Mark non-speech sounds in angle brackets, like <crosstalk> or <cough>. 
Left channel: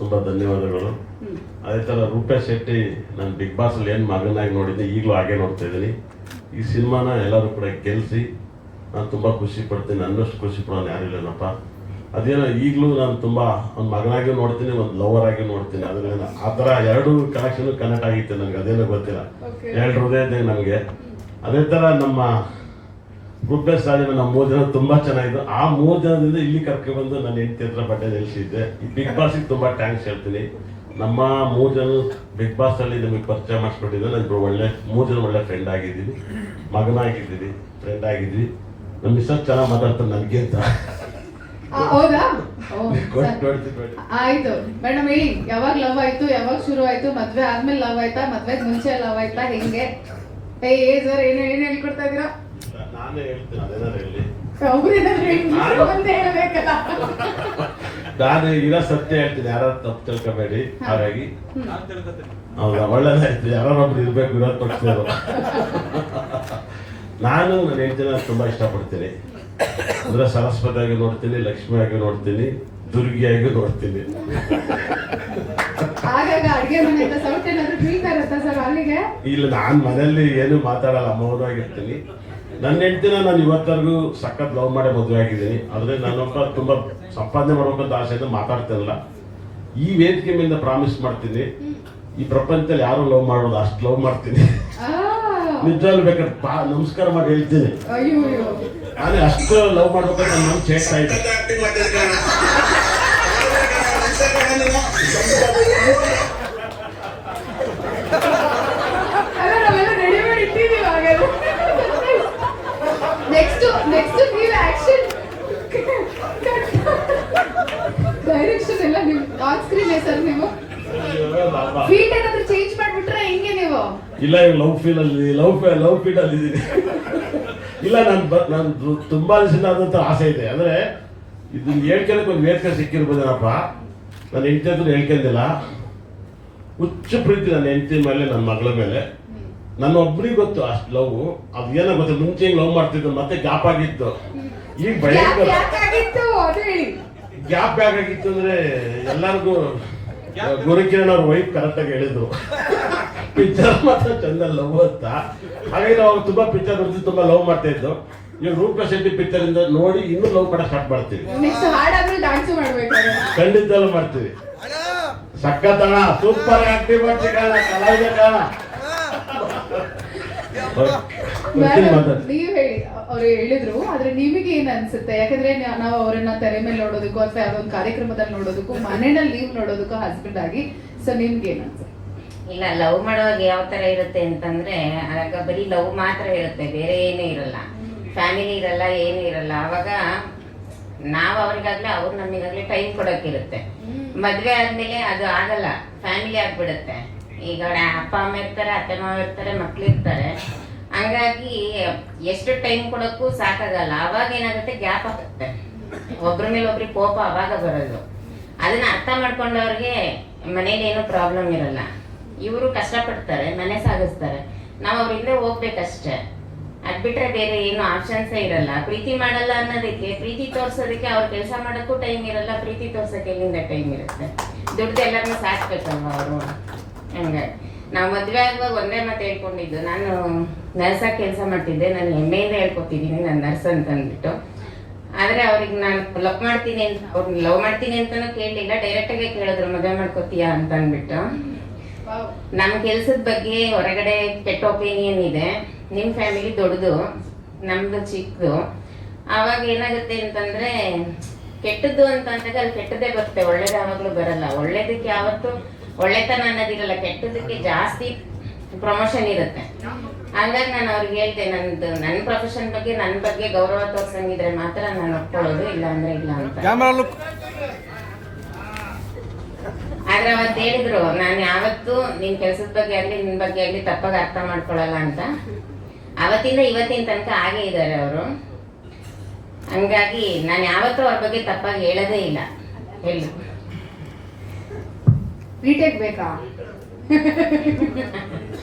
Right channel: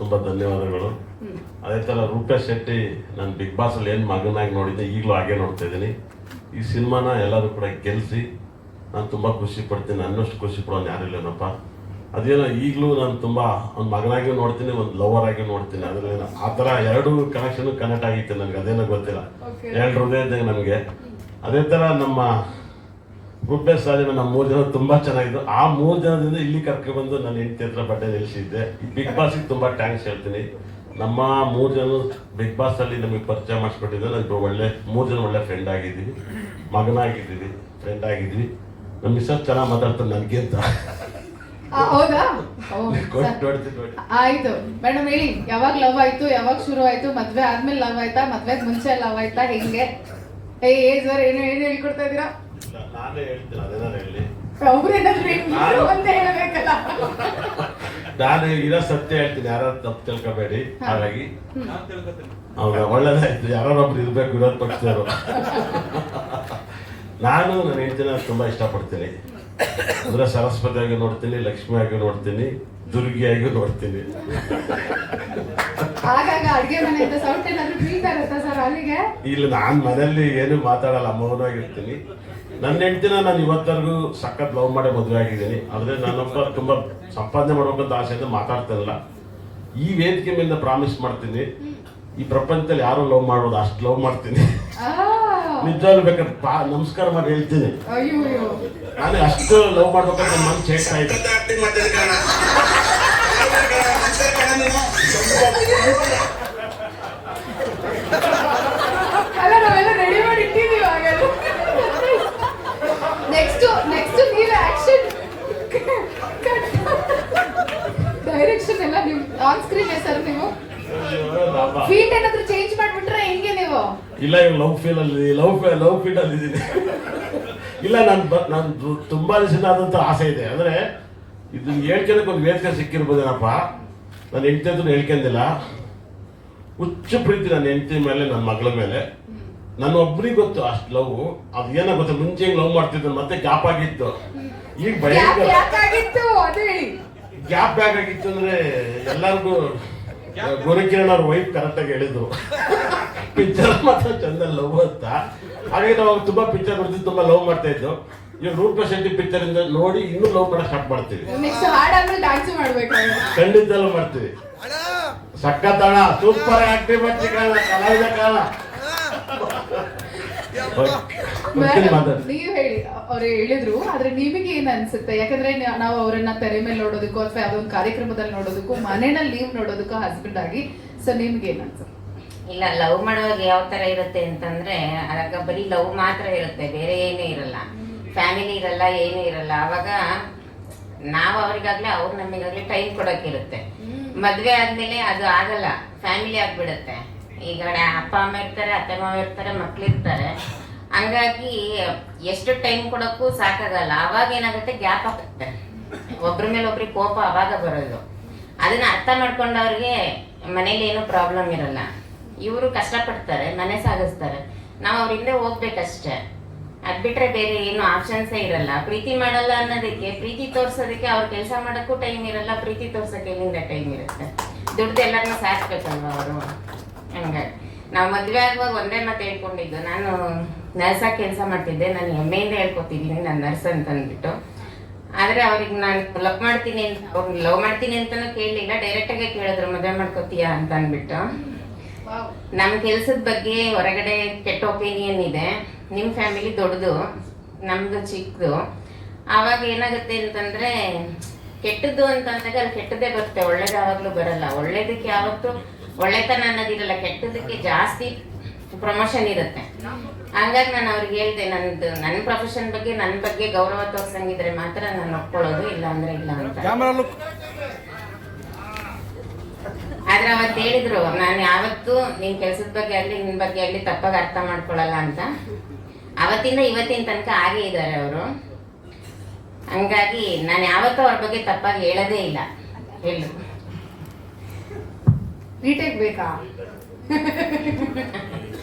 ತುಂಬಾ ಧನ್ಯವಾದಗಳು. ಅದೇ ತರ ರೂಪೇಶ್ ಶೆಟ್ಟಿ ನಾನು ಬಿಗ್ ಬಾಸಲ್ಲಿ ಅಲ್ಲಿ ಏನ್ ಮಗನಾಗಿ ನೋಡಿದ್ದೆ ಈಗಲೂ ಹಾಗೆ ನೋಡ್ತಾ ಇದ್ದೀನಿ. ಈ ಸಿನಿಮಾನ ಎಲ್ಲರೂ ಕೂಡ ಗೆಲ್ಸಿ ನಾನು ತುಂಬಾ ಖುಷಿ ಪಡ್ತೀನಿ ಅನ್ನಷ್ಟು ಖುಷಿ ಪಡೋನು ಯಾರು ಇಲ್ಲನಪ್ಪ. ಅದೇನೋ ಈಗಲೂ ನಾನು ತುಂಬಾ ಒಂದು ಮಗನಾಗಿ ನೋಡ್ತೀನಿ ಒಂದು ಲವರ್ ಆಗಿ ನೋಡ್ತೀನಿ. ಅದನ್ನ ಆ ಥರ ಎರಡು ಕನೆಕ್ಷನ್ ಕನೆಕ್ಟ್ ಆಗಿತ್ತು ನನಗೆ ಅದೇನೋ ಗೊತ್ತಿಲ್ಲ. ಎರಡು ಹೃದಯ ಇದೆ ನನಗೆ ಅದೇ ಥರ ನಮ್ಮ ರೂಪೇಶ್ ಸಾಲಿನ ನಮ್ಮ ಮೂರು ಜನ ತುಂಬಾ ಚೆನ್ನಾಗಿದ್ದು. ಆ ಮೂರು ಜನದಿಂದ ಇಲ್ಲಿ ಕರ್ಕೊಂಡು ಬಂದು ನನ್ನ ಹೆಂಡತಿ ಹತ್ರ ಬಟ್ಟೆ ನಿಲ್ಲಿಸಿದ್ದೆ ಈ ಬಿಗ್ ಬಾಸ್ಗೆ ತುಂಬಾ ಥ್ಯಾಂಕ್ಸ್ ಹೇಳ್ತೀನಿ. ನಮ್ಮ ಮೂರು ಜನ ಬಿಗ್ ಬಾಸ್ ಅಲ್ಲಿ ನಮಗೆ ಪರಿಚಯ ಮಾಡಿಸ್ಕೊಟ್ಟಿದ್ದೆ ನಮ್ಗೆ ಒಳ್ಳೆ ಮೂರು ಜನ ಒಳ್ಳೆ ಫ್ರೆಂಡ್ ಆಗಿದ್ದೀವಿ. ಮಗನಾಗಿದ್ದೀವಿ ಫ್ರೆಂಡ್ ಆಗಿದ್ವಿ ನಮ್ಮ ಮಿಸ್ಸರ್ ಚೆನ್ನಾಗಿ ಮಾತಾಡ್ತಾರೆ ನನಗೆ ಅಂತ. ಹೌದಾ. ಆಯ್ತು. ಮೇಡಮ್ ಹೇಳಿ. ಯಾವಾಗ ಲವ್ ಆಯ್ತು ಯಾವಾಗ ಶುರು ಆಯ್ತು ಮದ್ವೆ ಆದ್ಮೇಲೆ ಲವ್ ಆಯ್ತಾ ಮದ್ವೆ ಮುಂಚೆ ಲವ್ ಆಯ್ತಾ ಹೆಂಗೆ? ಏ ಏ ಸರ್ ಏನು ಏನು ಹೇಳ್ಕೊಡ್ತಾ ಇದೀರಾ ನಾನೇ ಇರೋ ಸತ್ಯ ಹೇಳ್ತೀನಿ ಯಾರು ತಪ್ಪು ತಿಳ್ಕೊಬೇಡಿ. ಹಾಗಾಗಿ. ಹೌದಾ ಒಳ್ಳೇದಾಯ್ತು ಒಬ್ರು ಇರ್ಬೇಕು ವಿರೋಧ ಪಕ್ಷದವರು. ನಾನು ನನ್ನ ಹೆಂಡತಿನ ತುಂಬಾ ಇಷ್ಟಪಡ್ತೀನಿ. ಅಂದ್ರೆ ಸರಸ್ವತಿಯಾಗಿ ನೋಡ್ತೀನಿ ಲಕ್ಷ್ಮಿಯಾಗಿ ನೋಡ್ತೀನಿ ದುರ್ಗಿಯಾಗಿ ನೋಡ್ತೀನಿ. ಇಲ್ಲ ನಾನು ಮನೆಯಲ್ಲಿ ಏನು ಮಾತಾಡಲ್ಲ ಮೌನವಾಗಿರ್ತೀನಿ. ನನ್ನ ಹೆಂಡತಿನ ನಾನು ಇವತ್ತರೆಗೂ ಸಖತ್ ಲವ್ ಮಾಡೇ ಮದುವೆ ಆಗಿದ್ದೀನಿ. ಆದ್ರೆ ನನ್ನೊಬ್ಬ ತುಂಬಾ ಸಂಪಾದನೆ ಮಾಡ್ಬೇಕಂತ ಆಸೆಯಿಂದ ಮಾತಾಡ್ತಿರಲ್ಲ. ಈ ವೇದಿಕೆ ಮೇಲೆ ಪ್ರಾಮಿಸ್ ಮಾಡ್ತೀನಿ. ಈ ಪ್ರಪಂಚದಲ್ಲಿ ಯಾರು ಲವ್ ಮಾಡೋದು ಅಷ್ಟು ಲವ್ ಮಾಡ್ತೀನಿ. ನಿಜವಾಗ್ಲೂ ಬೇಕಾದ್ರೆ ಪಾ- ನಮಸ್ಕಾರ ಮಾಡಿ ಹೇಳ್ತೀನಿ ಅಯ್ಯೋ ಅಯ್ಯೋ ನಾನು ಅಷ್ಟು ಲವ್ ಮಾಡ್ಬೇಕಂತ ನನ್ನ ಮನ್ಸು ಹೇಳ್ತಾ ಇದೆ ಅಲ್ಲ ನಾವೆಲ್ಲ ರೆಡಿ ಮಾಡಿ ಇಟ್ಟಿದೀವಿ ಹಾಗಾದ್ರೆ ನೆಕ್ಸ್ಟ್ ನೆಕ್ಸ್ಟ್ ನೀವು ಆಕ್ಷನ್ ಡೈರೆಕ್ಷನ್ ಎಲ್ಲ ನೀವು ಆನ್ ಸ್ಕ್ರೀನ್ ಸರ್ ನೀವು ಫೀಟ್ ಏನಾದ್ರು ಚೇಂಜ್ ಮಾಡ್ಬಿಟ್ರೆ ಹೆಂಗೆ ನೀವು ಇಲ್ಲ ಈಗ ಲವ್ ಫೀಲ್ ಅಲ್ಲಿ ಲವ್ ಲವ್ ಫೀಲ್ ಅಲ್ಲಿ ಇದ್ದೀನಿ ಇಲ್ಲ ನಾನು ನಾನು ತುಂಬಾ ದಿವಸ ಆಸೆ ಇದೆ. ಅಂದ್ರೆ ಇದನ್ನ ಹೇಳ್ಕೊಳಕ್ಕೆ ಒಂದು ವೇದಿಕೆ ಸಿಕ್ಕಿರ್ಬೋದೇನಪ್ಪ? ನಾನು ಹೆಂಡತಿ ಹತ್ರ ಹೇಳ್ಕೊಂಡಿಲ್ಲ. ಹುಚ್ಚು ಪ್ರೀತಿ ನನ್ನ ಹೆಂಡತಿ ಮೇಲೆ ನನ್ನ ಮಗಳ ಮೇಲೆ. ನನ್ನ ಒಬ್ರಿಗೆ ಗೊತ್ತು ಅಷ್ಟು ಲವ್ ಅದು ಏನೋ ಗೊತ್ತು ಮುಂಚೆ ಲವ್ ಮಾಡ್ತಿದ್ದು ಮತ್ತೆ ಗ್ಯಾಪ್ ಆಗಿತ್ತು. ಈಗ ಭಯ ಭಯಂಕರ. ಗ್ಯಾಪ್ ಬ್ಯಾಗ್ ಆಗಿತ್ತು ಅಂದ್ರೆ ಎಲ್ಲರಿಗೂ ಗುರುಕಿರಣ್ ಅವ್ರ ವೈಫ್ ಕರೆಕ್ಟಾಗಿ ಹೇಳಿದ್ರು. ಪಿಕ್ಚರ್ <laughs> ಮಾತ್ರ ಚಂದ ಲವ್ ಅಂತ. ಹಾಗೆ ನಾವು ತುಂಬಾ ಪಿಕ್ಚರ್ ಬರ್ತಿದ್ವಿ ತುಂಬಾ ಲವ್ ಮಾಡ್ತಾ ಇದ್ದು ಇವ್ ರೂಪ ಶೆಟ್ಟಿ ಪಿಕ್ಚರ್ ಇಂದ ನೋಡಿ ಇನ್ನೂ ಲವ್ ಮಾಡಕ್ ಸ್ಟಾರ್ಟ್ ಮಾಡ್ತೀವಿ. ನೆಕ್ಸ್ಟ್ ಹಾಡಾದ್ಮೇಲೆ ಡ್ಯಾನ್ಸ್ ಮಾಡ್ಬೇಕು ಖಂಡಿತ ಮಾಡ್ತೀವಿ. ಸಕ್ಕತ್ತಣ ಸೂಪರ್ ಆಕ್ಟಿವ್ ಮಾಡ್ತೀವಿ ಕಾಣ ಕಲಾವಿದ ಕಾಣ. ನೀವ್ ಹೇಳಿ ಅವ್ರು ಹೇಳಿದ್ರು ಆದ್ರೆ ನಿಮಗೆ ಏನ್ ಅನ್ಸುತ್ತೆ? ಯಾಕಂದ್ರೆ ನಾವು ಅವರನ್ನ ತೆರೆ ಮೇಲೆ ನೋಡೋದಕ್ಕೂ ಅಥವಾ ಯಾವ್ದೊಂದು ಕಾರ್ಯಕ್ರಮದಲ್ಲಿ ನೋಡೋದಕ್ಕೂ ಮನೆಯಲ್ಲಿ ಲೀವ್ ನೋಡೋದಕ್ಕೂ ಹಸ್ಬೆಂಡ್ ಆಗಿ ಸೊ ನಿಮ್ಗೆ ಏನ್ ಅನ್ಸುತ್ತೆ? ಇಲ್ಲ ಲವ್ ಮಾಡುವಾಗ ಯಾವ ತರ ಇರುತ್ತೆ ಅಂತಂದ್ರೆ ಆಗ ಬರೀ ಲವ್ ಮಾತ್ರ ಇರುತ್ತೆ ಬೇರೆ ಏನೂ ಇರಲ್ಲ. ಫ್ಯಾಮಿಲಿ ಇರಲ್ಲ ಏನೂ ಇರಲ್ಲ. ಅವಾಗ ನಾವು ಅವ್ರಿಗಾಗ್ಲೇ ಅವ್ರು ನಮಗಾಗ್ಲೇ ಟೈಮ್ ಕೊಡೋಕಿರುತ್ತೆ. ಮದ್ವೆ ಆದ್ಮೇಲೆ ಅದು ಆಗಲ್ಲ ಫ್ಯಾಮಿಲಿ ಆಗ್ಬಿಡುತ್ತೆ. ಈಗ ಅಪ್ಪ ಅಮ್ಮ ಇರ್ತಾರೆ ಅತ್ತೆ ಮಾವ ಇರ್ತಾರೆ ಮಕ್ಳು ಇರ್ತಾರೆ. ಹಂಗಾಗಿ ಎಷ್ಟು ಟೈಮ್ ಕೊಡೋಕ್ಕೂ ಸಾಕಾಗಲ್ಲ. ಅವಾಗ ಏನಾಗುತ್ತೆ ಗ್ಯಾಪ್ ಆಗುತ್ತೆ. ಒಬ್ರ ಮೇಲೆ ಒಬ್ರಿಗೆ ಕೋಪ ಅವಾಗ ಬರೋದು. ಅದನ್ನ ಅರ್ಥ ಮಾಡ್ಕೊಂಡವ್ರಿಗೆ ಮನೇಲಿ ಏನು ಪ್ರಾಬ್ಲಮ್ ಇರಲ್ಲ. ಇವರು ಕಷ್ಟಪಡ್ತಾರೆ, ಮನೆ ಸಾಗಿಸ್ತಾರೆ. ನಾವು ಅವ್ರ ಹಿಂದೆ ಹೋಗ್ಬೇಕಷ್ಟೇ. ಅದ್ ಬಿಟ್ರೆ ಬೇರೆ ಏನು ಆಪ್ಷನ್ಸೇ ಇರಲ್ಲ. ಪ್ರೀತಿ ಮಾಡಲ್ಲ ಅನ್ನೋದಕ್ಕೆ, ಪ್ರೀತಿ ತೋರ್ಸೋದಕ್ಕೆ ಅವ್ರ ಕೆಲಸ ಮಾಡೋಕ್ಕೂ ಟೈಮ್ ಇರಲ್ಲ, ಪ್ರೀತಿ ತೋರ್ಸೋಕೆ ಎಲ್ಲಿಂದ ಟೈಮ್ ಇರುತ್ತೆ. ದುಡ್ಡು ಎಲ್ಲರನ್ನೂ ಸಾಕ್ಬೇಕಲ್ವ ಅವರು? ಹಂಗಾಗಿ. ನಾವು ಮದ್ವೆ ಆಗುವಾಗ ಒಂದೇ ಮಾತು ಹೇಳ್ಕೊಂಡಿದ್ದು. ನಾನು ನರ್ಸಾಗಿ ಕೆಲಸ ಮಾಡ್ತಿದ್ದೆ. ನಾನು ಹೆಮ್ಮೆಯಿಂದ ಹೇಳ್ಕೊತಿದ್ದೀನಿ ನಾನು ನರ್ಸ್ ಅಂತ ಅಂದ್ಬಿಟ್ಟು ಆದ್ರೆ ಅವ್ರಿಗೆ ನಾನು ಲವ್ ಮಾಡ್ತೀನಿ ಅಂತ ಅವ್ರನ್ನ ಲವ್ ಮಾಡ್ತೀನಿ ಅಂತಾನು ಕೇಳಲಿಲ್ಲ. ಡೈರೆಕ್ಟ್ ಆಗಿ ಕೇಳಿದ್ರು, ಮದುವೆ ಮಾಡ್ಕೋತೀಯಾ? ಅಂತ ಅಂದ್ಬಿಟ್ಟು ನಮ್ಮ ಕೆಲಸದ ಬಗ್ಗೆ ಹೊರಗಡೆ ಕೆಟ್ಟ ಒಪಿನಿಯನ್ ಇದೆ. ನಿಮ್ಮ ಫ್ಯಾಮಿಲಿ ದೊಡ್ಡದು, ನಮ್ದು ಚಿಕ್ಕದು ಆವಾಗ ಏನಾಗುತ್ತೆ ಅಂತಂದ್ರೆ, ಕೆಟ್ಟದ್ದು ಅಂತ ಅಂದಾಗ ಅದು ಕೆಟ್ಟದೇ ಬರುತ್ತೆ. ಒಳ್ಳೇದು ಯಾವಾಗ್ಲೂ ಬರಲ್ಲ. ಒಳ್ಳೇದಕ್ಕೆ ಯಾವತ್ತು ಒಳ್ಳೆತನ ಅನ್ನೋದಿರಲ್ಲ. ಕೆಟ್ಟದಕ್ಕೆ ಜಾಸ್ತಿ ಪ್ರಮೋಷನ್ ಇರುತ್ತೆ. ಹಾಗಾಗಿ ನಾನು ಅವ್ರಿಗೆ ಹೇಳ್ದೆ, ನಂದು ನನ್ನ ಪ್ರೊಫೆಷನ್ ಬಗ್ಗೆ ನನ್ನ ಬಗ್ಗೆ ಗೌರವ ತೋರ್ಸಂಗಿದ್ರೆ ಮಾತ್ರ ನಾನು ಒಪ್ಕೊಳ್ಳೋದು ಇಲ್ಲ ಅಂದ್ರೆ ಇಲ್ಲ ಅಂತ ಆದ್ರೆ ಅವತ್ತು ಹೇಳಿದ್ರು ನಾನು ಯಾವತ್ತು ನಿನ್ ಕೆಲ್ಸದ ಬಗ್ಗೆ ಆಗ್ಲಿ ನಿನ್ ಬಗ್ಗೆ ಆಗ್ಲಿ ತಪ್ಪಾಗಿ ಅರ್ಥ ಮಾಡ್ಕೊಳಲ್ಲ ಅಂತ. ಅವತ್ತಿಂದ ಇವತ್ತಿನ ತನಕ ಹಾಗೆ ಇದ್ದಾರೆ ಅವರು. ಹಂಗಾಗಿ ನಾನು ಯಾವತ್ತೂ ಅವ್ರ ಬಗ್ಗೆ ತಪ್ಪಾಗಿ ಹೇಳೋದೇ ಇಲ್ಲ. ಹೇಳಿ. ರೀಟೇಕ್ ಬೇಕಾ? <laughs>